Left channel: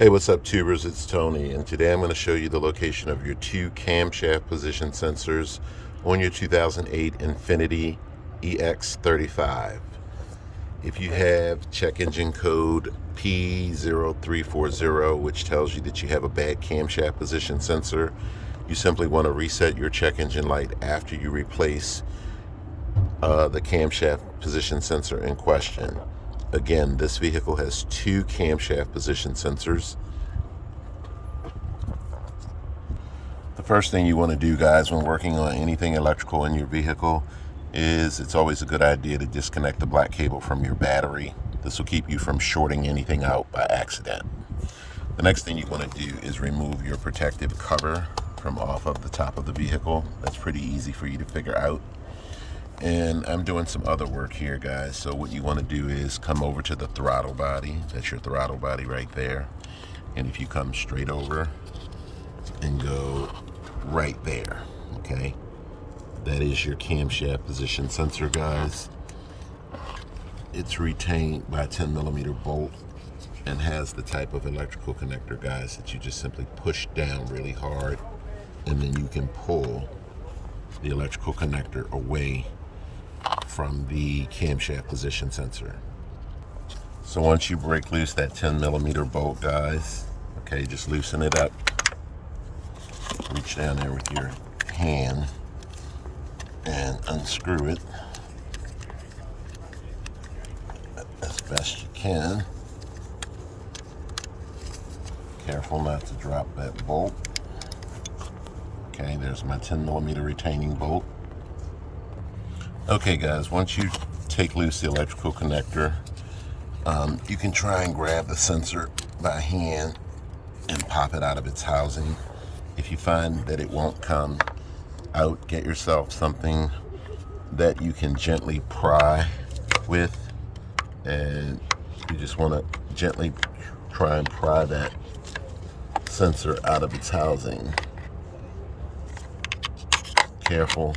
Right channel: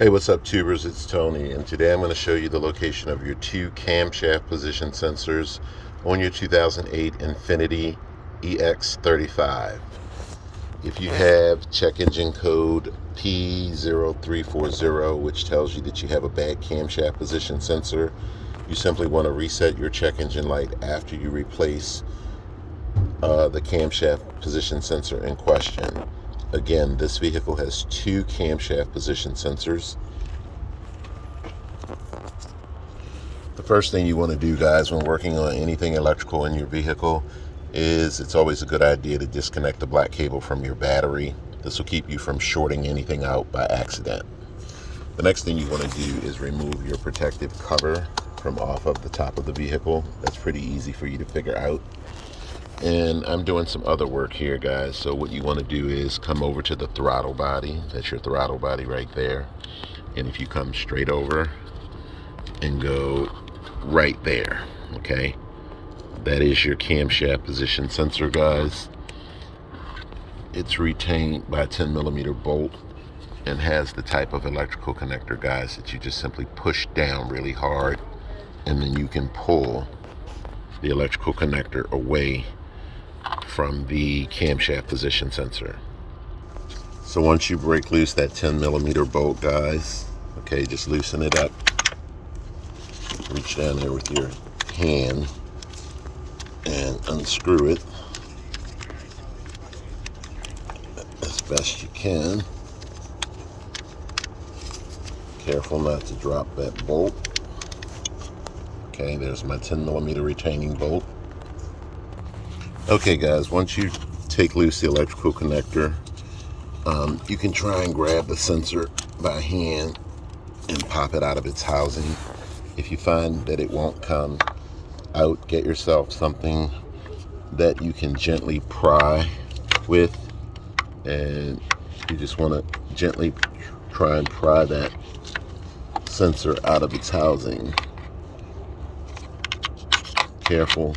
Hey, what's up, tubers? It's Tony, and today I'm going to show you the location of your two camshaft position sensors on your 2008 Infiniti EX35. If you have check engine code P0340, which tells you that you have a bad camshaft position sensor, you simply want to reset your check engine light after you replace the camshaft position sensor in question. Again, this vehicle has two camshaft position sensors. The first thing you want to do, guys, when working on anything electrical in your vehicle is it's always a good idea to disconnect the black cable from your battery. This will keep you from shorting anything out by accident. The next thing you want to do is remove your protective cover from off of the top of the vehicle. That's pretty easy for you to figure out. And I'm doing some other work here, guys. So what you want to do is come over to the throttle body. That's your throttle body right there. And if you come straight over and go right there, okay, that is your camshaft position sensor, guys. It's retained by a 10mm bolt and has the type of electrical connector, guys, that you just simply push down really hard, and then you can pull the electrical connector away from the camshaft position sensor. So once you break loose that 10mm bolt, guys, okay, just loosen it up. Reach down there with your hand and unscrew it as best you can. Careful not to drop that bolt. Okay, there's my 10mm retaining bolt. Okay, guys, once you take loose the electrical connector, you can try and grab the sensor by hand and pop it out of its housing. If you find that it won't come out, get yourself something that you can gently pry with, and you just want to gently try and pry that sensor out of its housing. Careful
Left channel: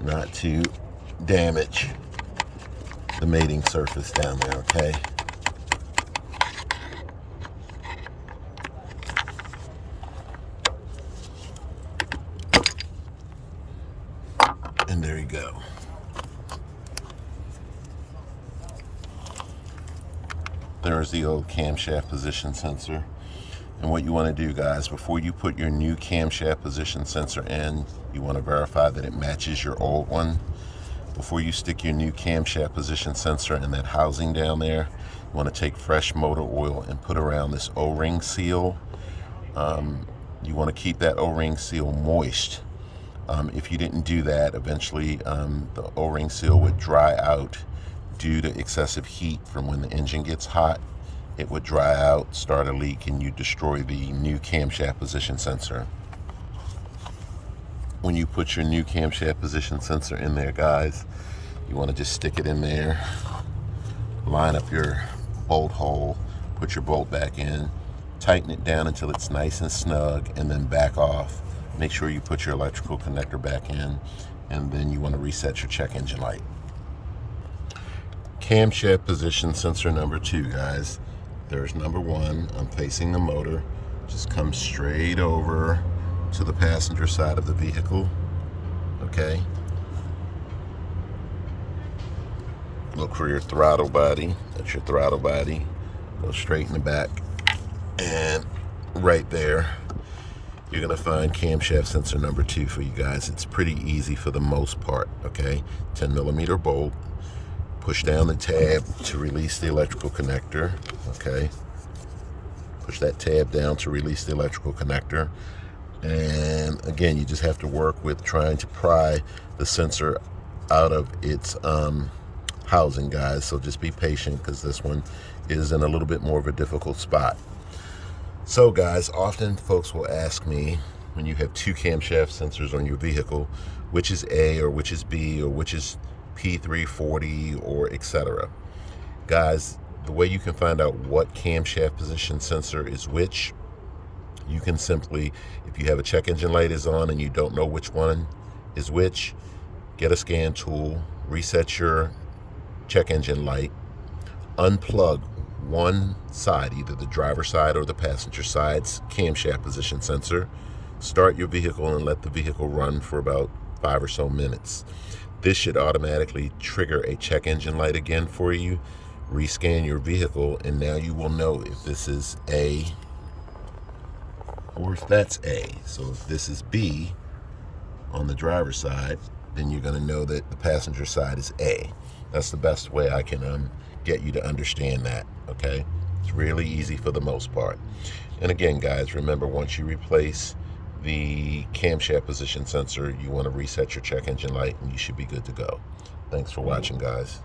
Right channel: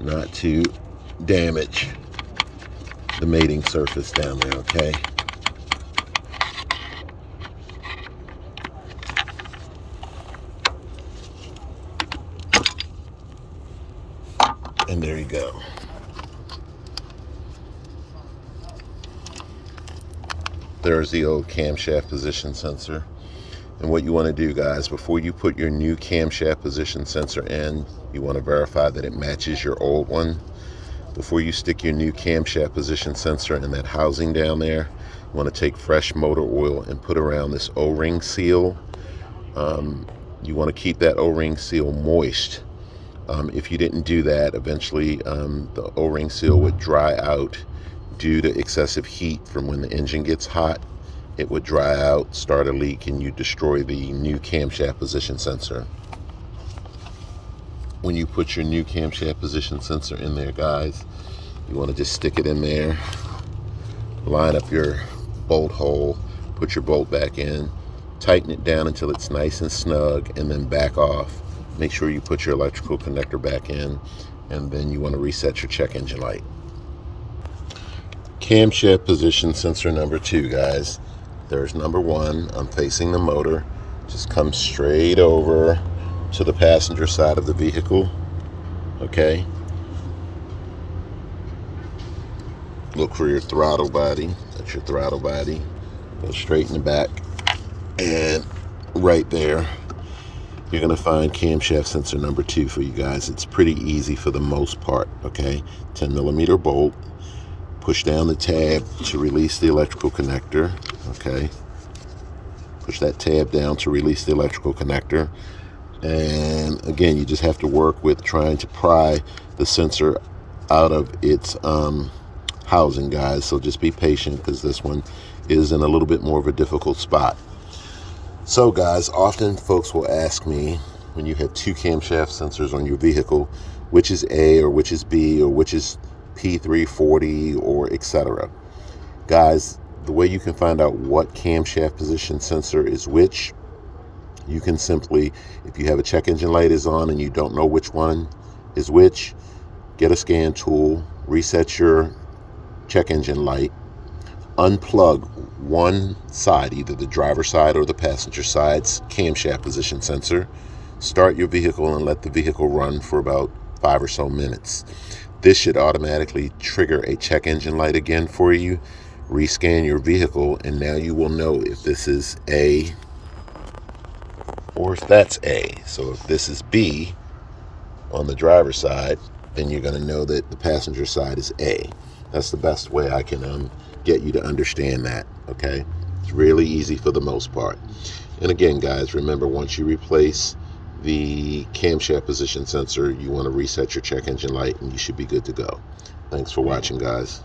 not to damage the mating surface down there, okay? And there you go. There's the old camshaft position sensor. And what you want to do, guys, before you put your new camshaft position sensor in, you want to verify that it matches your old one. Before you stick your new camshaft position sensor in that housing down there, you want to take fresh motor oil and put around this O-ring seal. You want to keep that O-ring seal moist. If you didn't do that, eventually the O-ring seal would dry out due to excessive heat from when the engine gets hot. It would dry out, start a leak, and you destroy the new camshaft position sensor. When you put your new camshaft position sensor in there, guys, you want to just stick it in there, line up your bolt hole, put your bolt back in, tighten it down until it's nice and snug, and then back off. Make sure you put your electrical connector back in, and then you want to reset your check engine light. Camshaft position sensor number 2, guys. There's number 1. I'm facing the motor. Just come straight over to the passenger side of the vehicle. Okay. Look for your throttle body. That's your throttle body. Go straight in the back. And right there, you're going to find camshaft sensor number 2 for you guys. It's pretty easy for the most part. Okay. 10mm bolt. Push down the tab to release the electrical connector, okay? Push that tab down to release the electrical connector. And again, you just have to work with trying to pry the sensor out of its housing, guys. So just be patient, because this one is in a little bit more of a difficult spot. So guys, often folks will ask me, when you have two camshaft sensors on your vehicle, which is A or which is B or which is P340 or etc. Guys, the way you can find out what camshaft position sensor is which, you can simply, if you have a check engine light is on and you don't know which one is which, get a scan tool, reset your check engine light, unplug one side, either the driver's side or the passenger side's camshaft position sensor, start your vehicle and let the vehicle run for about 5 or so minutes. This should automatically trigger a check engine light again for you. Rescan your vehicle, and now you will know if this is A or if that's A. So if this is B on the driver's side, then you're going to know that the passenger side is A. That's the best way I can get you to understand that, okay? It's really easy for the most part. And again, guys, remember, once you replace the camshaft position sensor, you want to reset your check engine light, and you should be good to go. Thanks for watching, guys.